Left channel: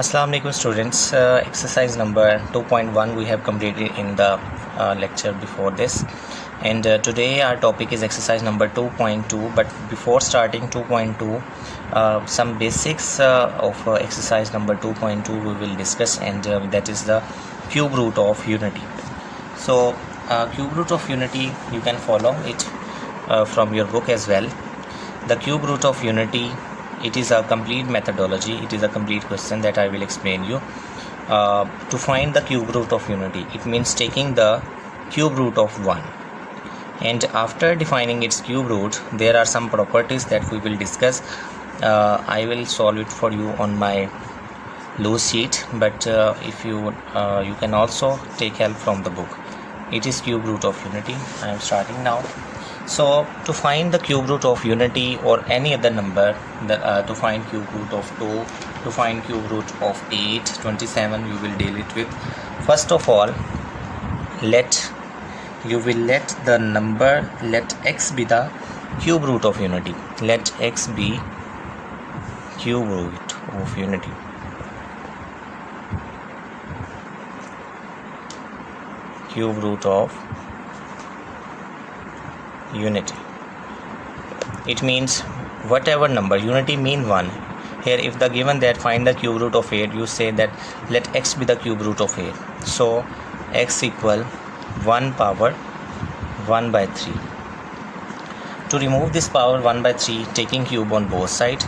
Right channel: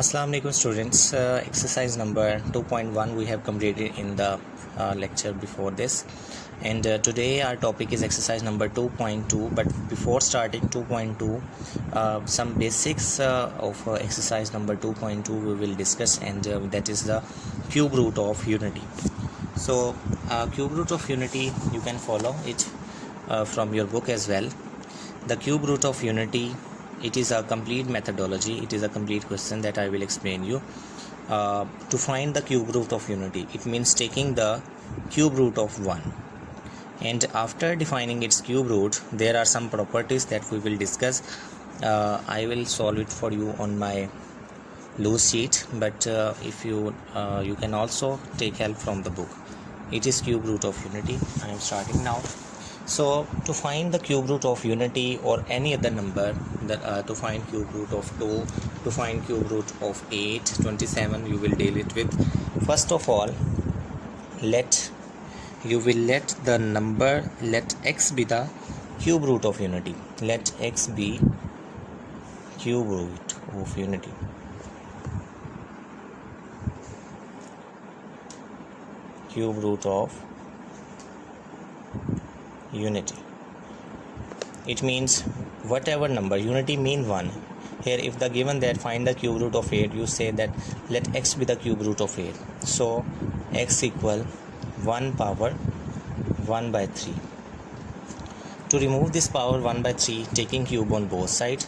Assalamu alaikum students. Exercise number 2.1 we have completed in the lecture before this, and today our topic is exercise number 2.2. But before starting 2.2, some basics of exercise number 2.2 we will discuss, and that is the cube root of unity. So cube root of unity, you can follow it from your book as well. The cube root of unity, it is a complete methodology, it is a complete question that I will explain you. To find the cube root of unity, it means taking the cube root of 1, and after defining its cube root, there are some properties that we will discuss. I will solve it for you on my loose sheet, but if you can also take help from the book. It is cube root of unity. I am starting now. So to find the cube root of unity or any other number, to find cube root of 2, to find cube root of 8, 27, you will deal it with. First of all, let x be the cube root of unity. Let x be cube root of unity. Cube root of unity. It means whatever number, unity mean 1. Here if the given that find the cube root of 8, you say that let x be the cube root of 8. So x equal 1 power 1 by 3. To remove this power 1 by 3, taking cube on both sides,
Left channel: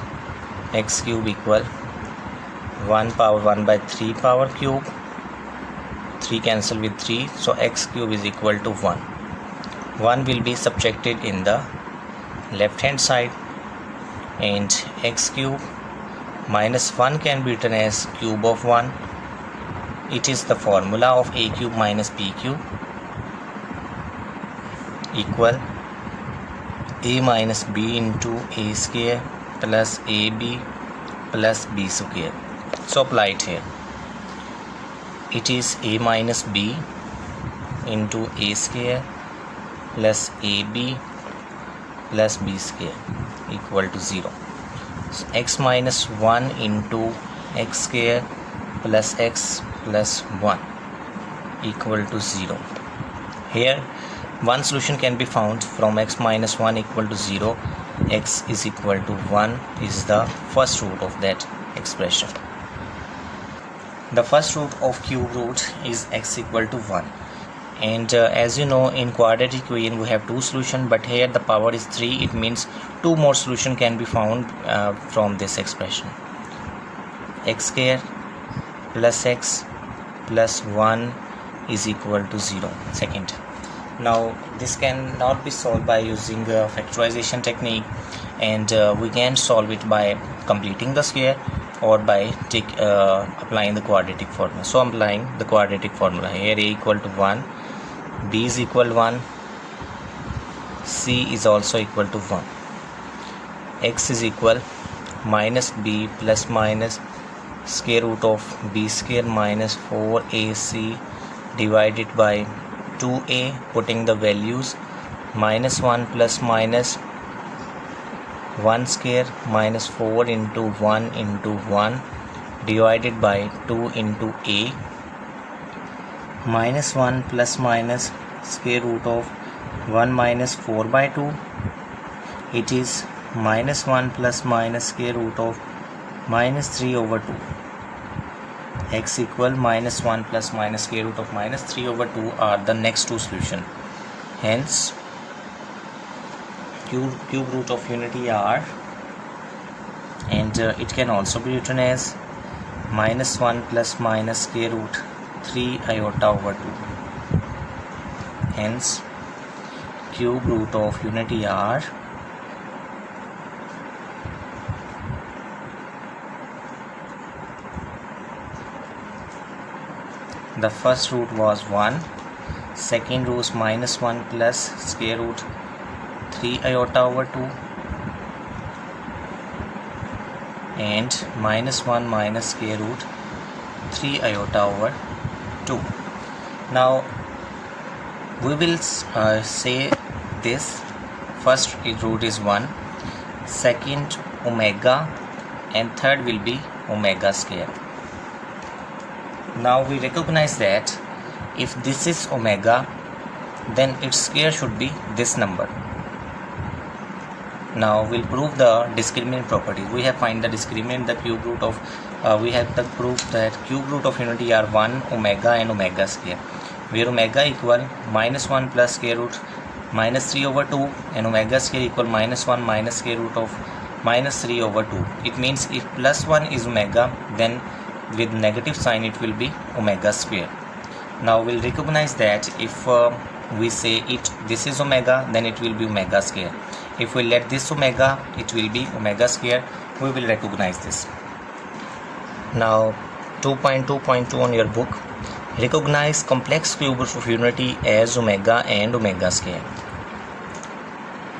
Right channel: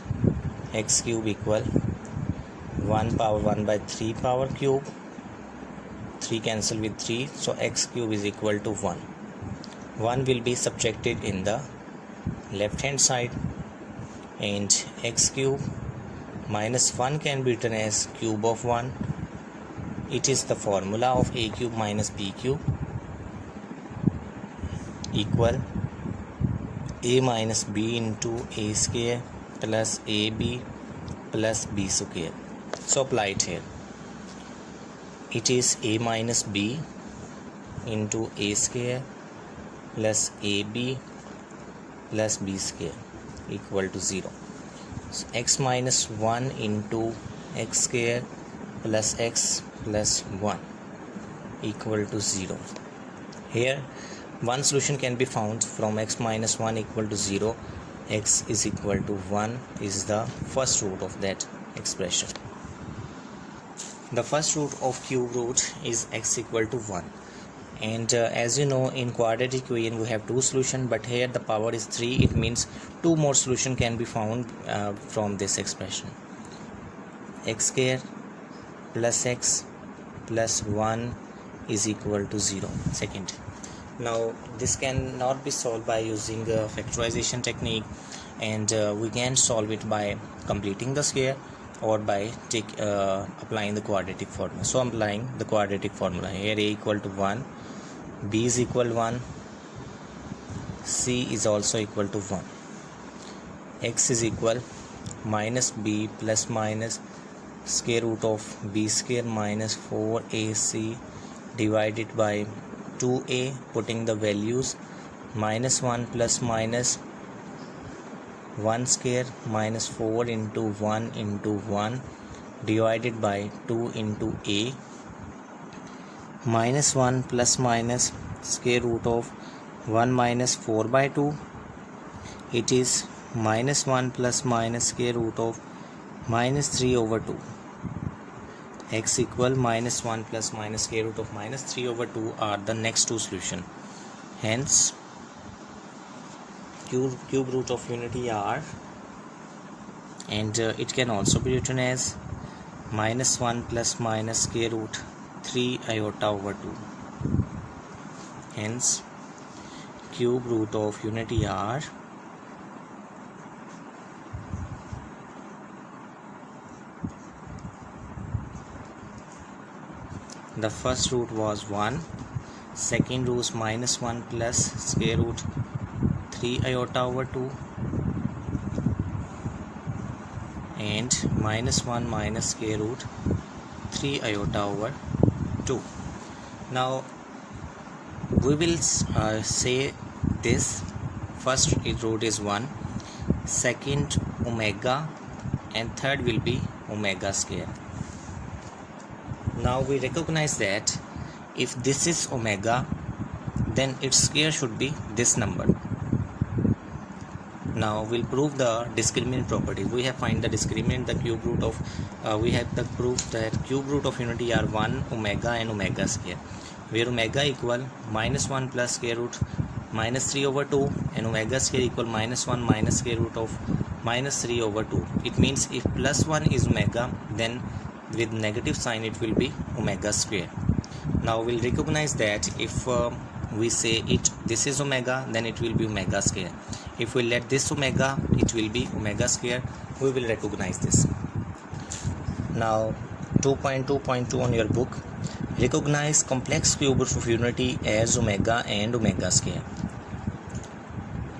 x cube equal 1 power 1 by 3 power cube. 3 cancel with 3, so x cube is equal to 1. 1 will be subtracted in the left hand side, and x cube minus 1 can be written as cube of 1. It is the formula of a cube minus b cube equal a minus b into a square plus ab plus b square. So apply it here. It is a minus b into a square plus ab plus b square equal to 0. So x minus 1 into x square plus x plus 1 equal to 0. Here one solution can be found from x minus 1 equal to 0. X is equal to 1 is the first root of that expression. The first root of cube root is x equal to 1. And as you know, in quadratic equation we have 2 solutions, but here the power is 3. It means 2 more solutions can be found from this expression. X square plus x plus 1 is equal to 0. Second. Now this cannot be solved by using factorization technique, and we can solve it by completing the square or by applying the quadratic formula. So I'm applying the quadratic formula. Here a equal to 1, b is equal 1, c is also equal to 1, x is equal minus b plus minus square root of b square minus 4ac divided by 2a, putting the values minus 1 plus minus 1 square minus 4 into 1 into 1 divided by 2 into a minus 1 plus minus square root of 1 minus 4 by 2. It is minus 1 plus minus square root of minus 3 over 2. X equal minus 1 plus minus square root of minus 3 over 2 are the next 2 solutions. Hence cube root of unity are, and it can also be written as minus 1 plus minus square root 3 iota over 2. Hence cube root of unity are the first root was 1, second root is minus 1 plus square root 3 iota over 2, and minus 1 minus square root 3 iota over 2. Now we will say this first root is 1, second omega, and third will be omega square. Now we recognize that if this is omega, then its square should be this number. Now we'll prove the discriminant property. We have find the discriminant, the cube root of we have the proof that cube root of unity are 1, omega and omega square, where omega equal -1 plus square root -3/2 and omega square equal -1 minus square root of -3/2. It means if +1 is omega, then with negative sign it will be omega square. Now we'll recognize that if we say this is omega, then it will be omega square. If we let this omega, it will be omega square. We will recognize this. Now 2.2.2 on your book, recognize complex cube roots of unity as omega and omega square.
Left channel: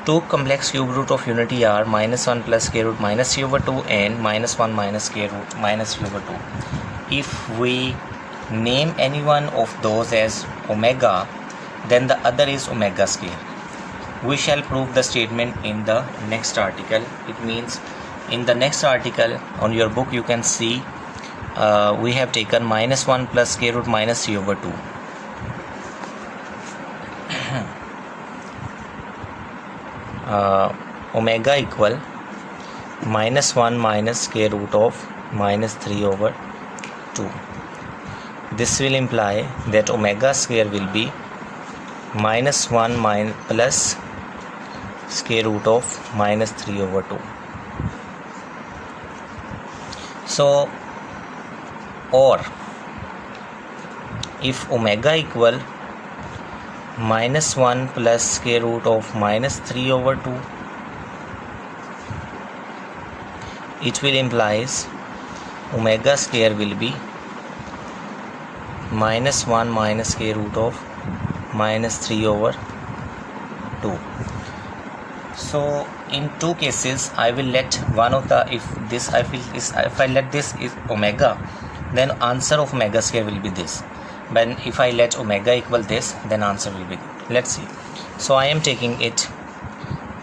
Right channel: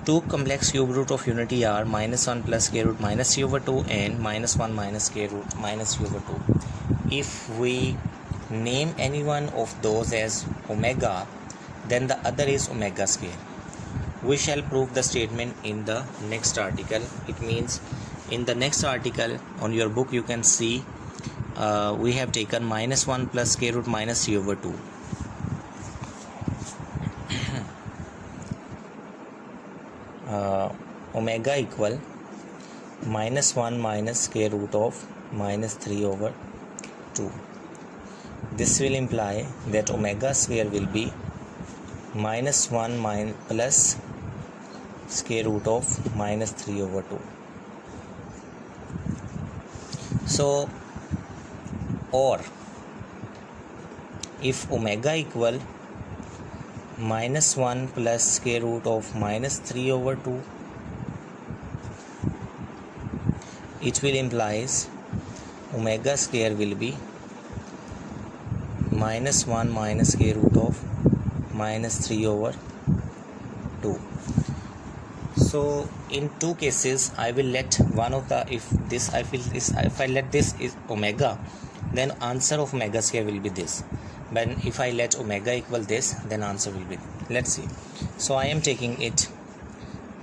Two complex cube root of unity are -1 plus square root -3/2 and -1 minus square root -3/2. If we name any one of those as omega, then the other is omega square. We shall prove the statement in the next article. It means in the next article on your book you can see we have taken -1 plus square root -3/2. Omega equal -1 minus square root of -3/2. This will imply that omega square will be -1 plus square root of -3/2. So, or if omega equal -1 plus square root of -3/2, it will implies omega square will be -1 minus square root of -3/2. So in two cases I will let one of the, if I let this is omega, then answer of omega square will be this. But if I let omega equal this, then answer will be good. Let's see. So I am taking it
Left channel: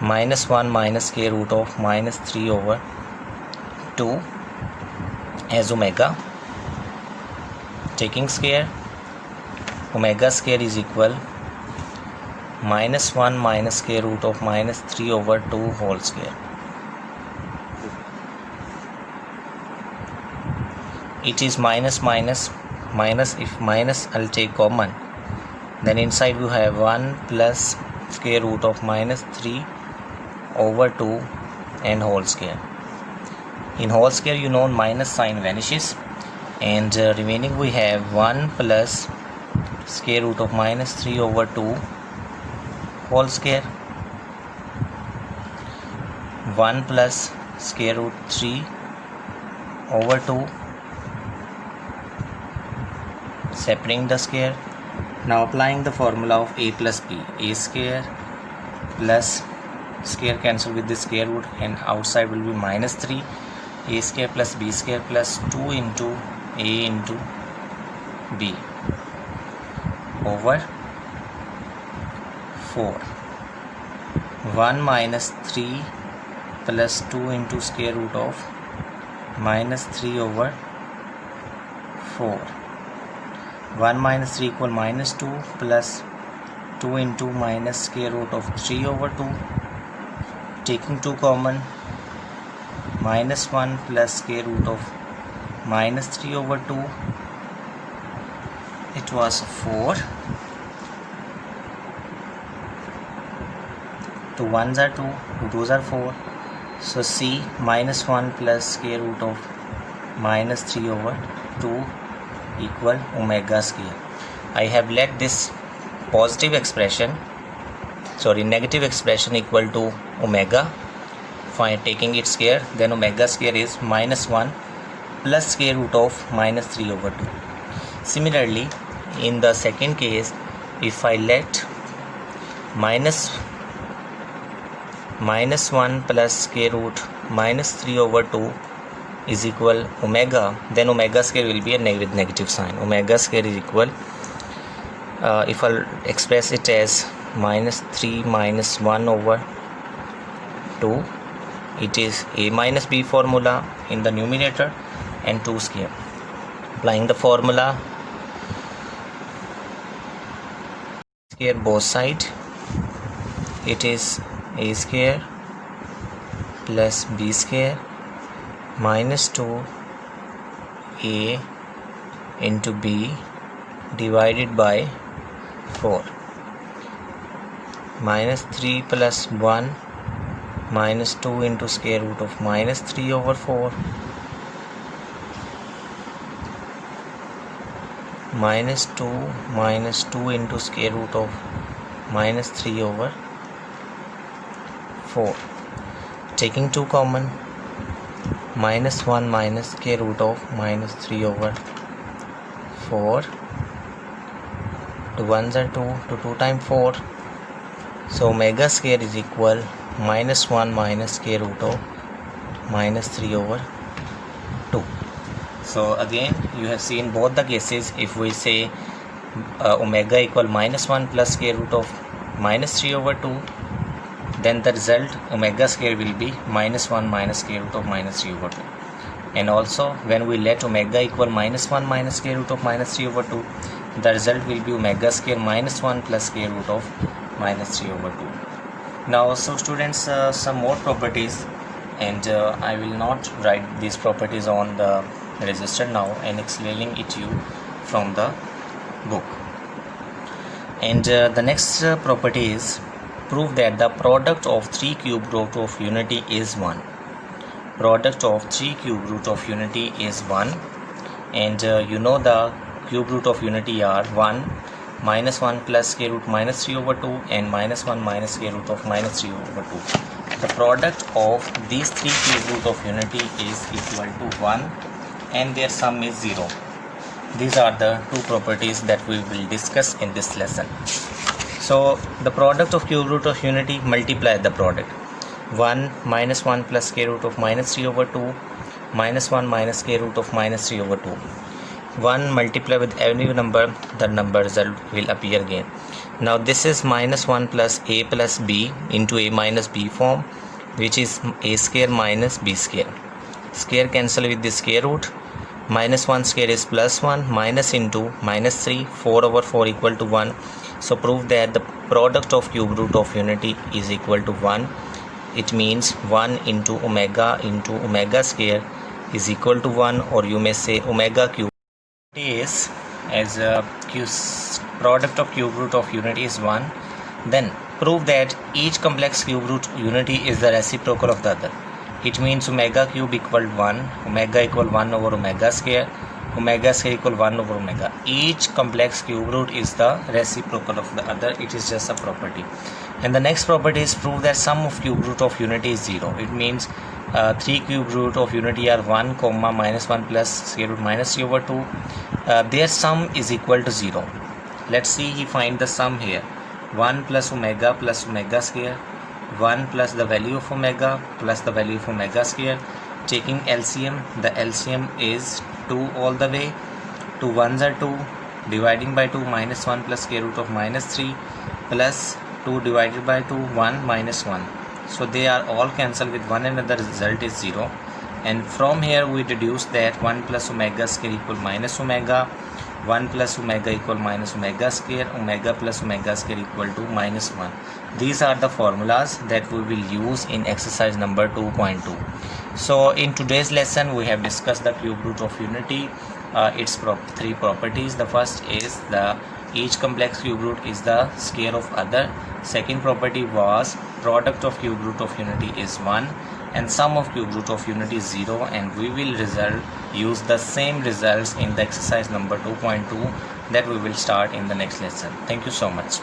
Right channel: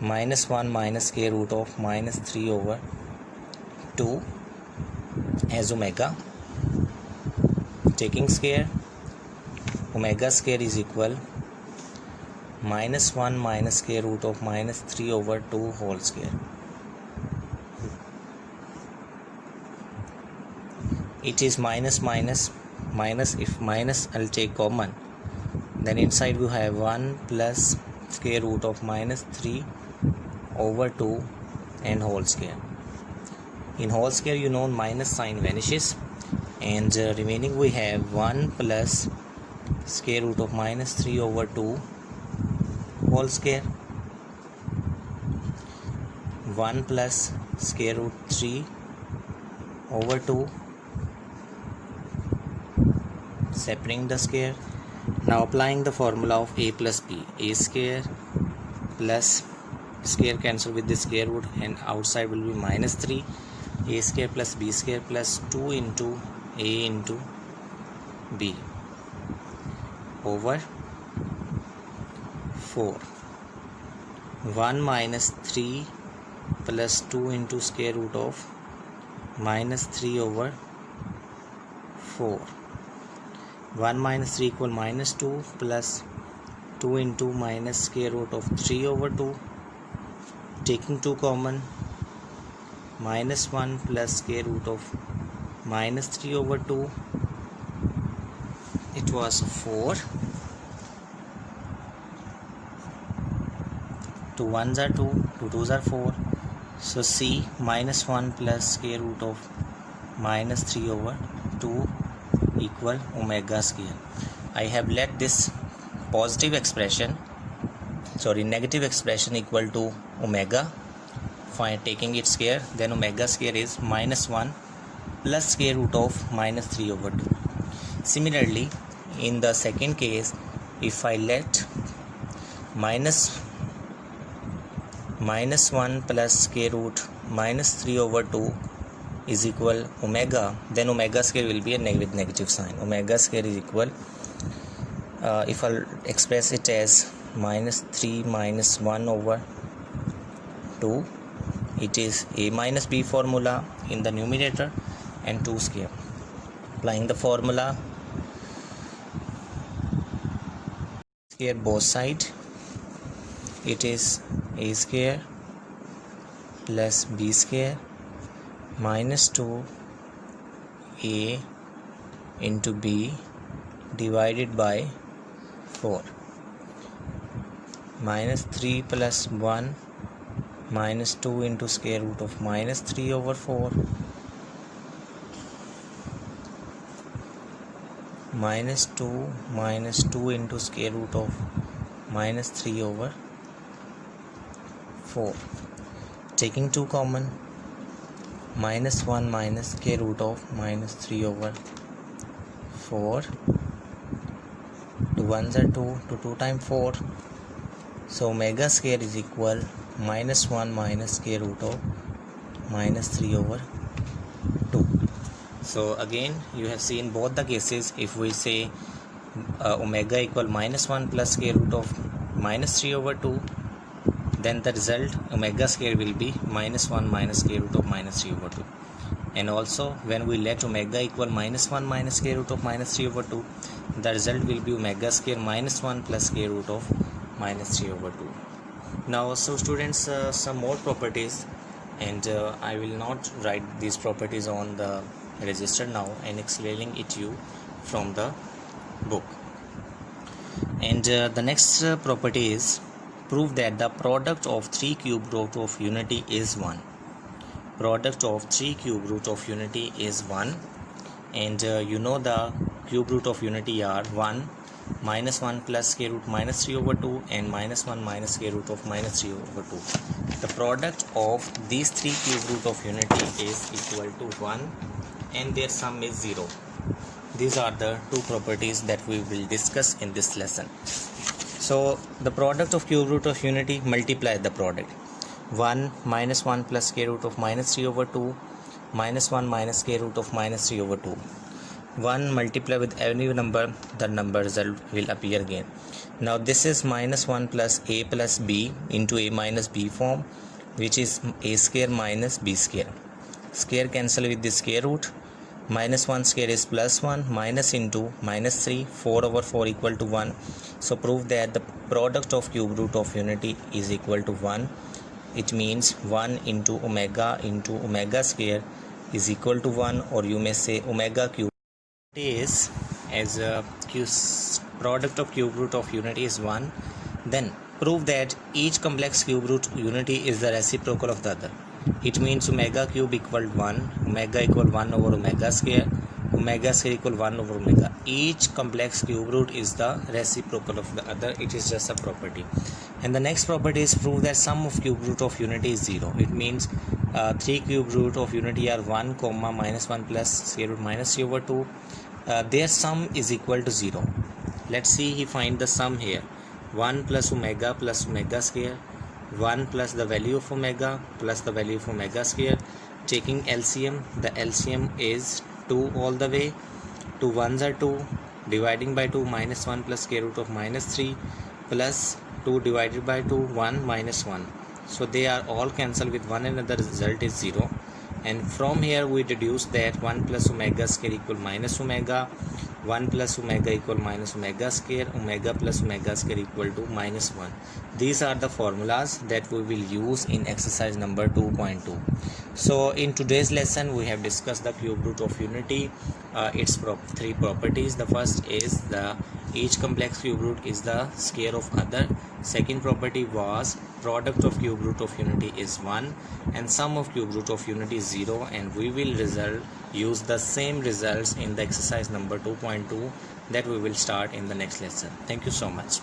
-1 minus square root of -3/2 as omega, taking square. Omega square is equal -1 minus square root of -3/2 whole square. It is minus. If minus I'll take common, then inside we have 1 plus square root of -3/2 and whole square. In whole square, you know, minus sign vanishes, and remaining we have 1 plus square root of -3/2 whole square, 1 plus square root 3/2, separating the square. Now applying the formula of a plus b, a square plus square cancel with the square root and outside will be -3, a square plus b square plus 2 into a into b over 4. 1 minus 3 plus 2 into square root of -3/4. 1 minus 3 equal -2 plus 2 into minus square root of 3/2. Taking 2 common, -1 plus square root of -3/2. It was 4. 2 1s are 2, 2 2s are 4. So C -1 plus square root of -3/2 equal omega square. I have let this negative expression equal to omega. Fine, taking its square, then omega square is -1 plus square root of -3/2. Similarly, in the second case, if I let -1 plus square root -3/2 is equal omega, then omega square will be with negative sign. Omega square is equal, if I'll express it as -3 minus 1/2, it is a minus b formula in the numerator and 2 square. Applying the formula, square both side, it is a square plus b square minus 2a into b divided by 4, minus 3 plus 1 minus 2 into square root of minus 3 over 4 minus 2 into square root of minus 3 over 4. Taking 2 common, minus 1 minus square root of minus 3 over 4. 2 ones are 2, to 2 times 4. So omega square is equal minus 1 minus square root of minus 3 over 2. So again you have seen both the cases. If we say omega equal minus 1 plus square root of minus 3 over 2, then the result omega square will be minus 1 minus square root of minus 3 over 2. And also when we let omega equal minus 1 minus square root of minus 3 over 2, the result will be omega square minus 1 plus square root of minus 3 over 2. Now so students, some more properties, and I will not write these properties on the register now and explaining it to you from the book. And the next property is prove that the product of 3 cube root of unity is 1. Product of 3 cube root of unity is 1, and you know the cube root of unity are 1 minus 1 plus square root minus 3 over 2 and minus 1 minus square root of minus 3 over 2. The product of these 3 cube root of unity is equal to 1 and their sum is 0. These are the two properties that we will discuss in this lesson. So the product of cube root of unity, multiply the product. 1 minus 1 plus square root of minus 3 over 2 minus 1 minus square root of minus 3 over 2. 1 multiply with any number, the number result will appear again. Now this is minus 1 plus a plus b into a minus b form, which is a square minus b square. Square cancel with the square root. Minus 1 square is plus 1, minus into minus 3, 4 over 4 equal to 1. So prove that the product of cube root of unity is equal to 1. It means 1 into omega square is equal to 1, or you may say omega cube is as a product of cube root of unity is 1. Then prove that each complex cube root unity is the reciprocal of the other. It means omega cube equal 1, omega equal 1 over omega square equal 1 over omega. Each complex cube root is the reciprocal of the other. It is just a property. And the next property is prove that sum of cube root of unity is 0. It means 3 cube root of unity are 1 comma minus 1 plus square root minus 3 over 2. Their sum is equal to 0. Let's see, he find the sum here. 1 plus omega square, 1 plus the value of omega plus the value of omega square. Taking LCM, the LCM is 2 all the way. 2 ones are 2, dividing by 2 minus 1 plus square root of minus 3 plus 2 divided by 2 1 minus 1. So they are all cancelled with one another, result is 0. And from here we deduce that 1 plus omega square equal minus omega, 1 plus omega equal minus omega square, omega plus omega square equal to minus 1. These are the formulas that we will use in exercise number 2.2. So in today's lesson we have discussed the cube root of unity, its three properties. The first is the each complex cube root is the square of other. Second property was product of cube root of unity is 1 and sum of cube root of unity is 0, and we will use the same results in the exercise number 2.2 that we will start in the next lesson. Thank you so much.